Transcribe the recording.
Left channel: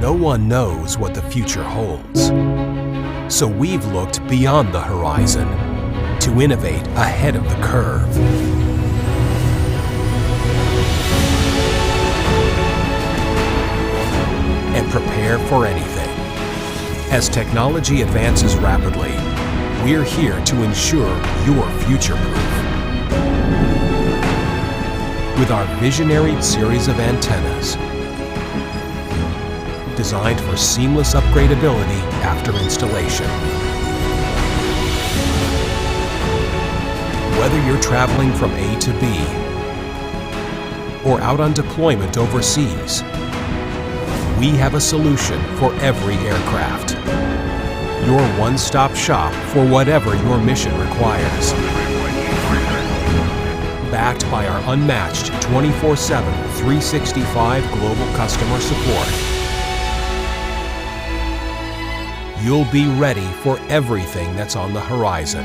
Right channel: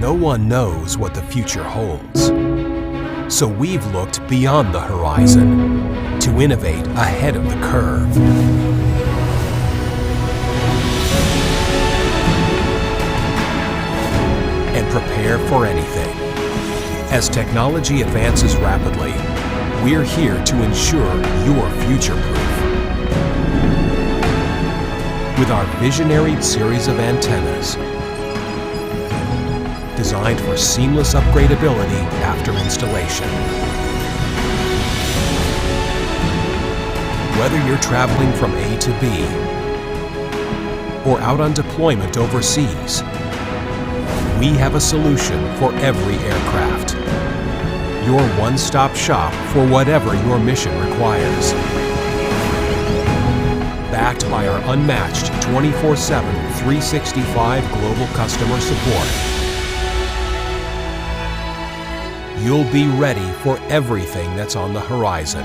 No one knows what the future holds. So we've looked beyond the horizon to innovate ahead of the curve. And prepare for anything. As technology advances rapidly, we're here to ensure you're future-proof. With our visionary series of antennas, designed for seamless upgradability after installation. Whether you're traveling from A to B or out on deployment overseas, we have a solution for every aircraft. Your one-stop shop for whatever your mission requires. Backed by our unmatched 24/7, 365 global customer support. You'll be ready for everything that's on the horizon.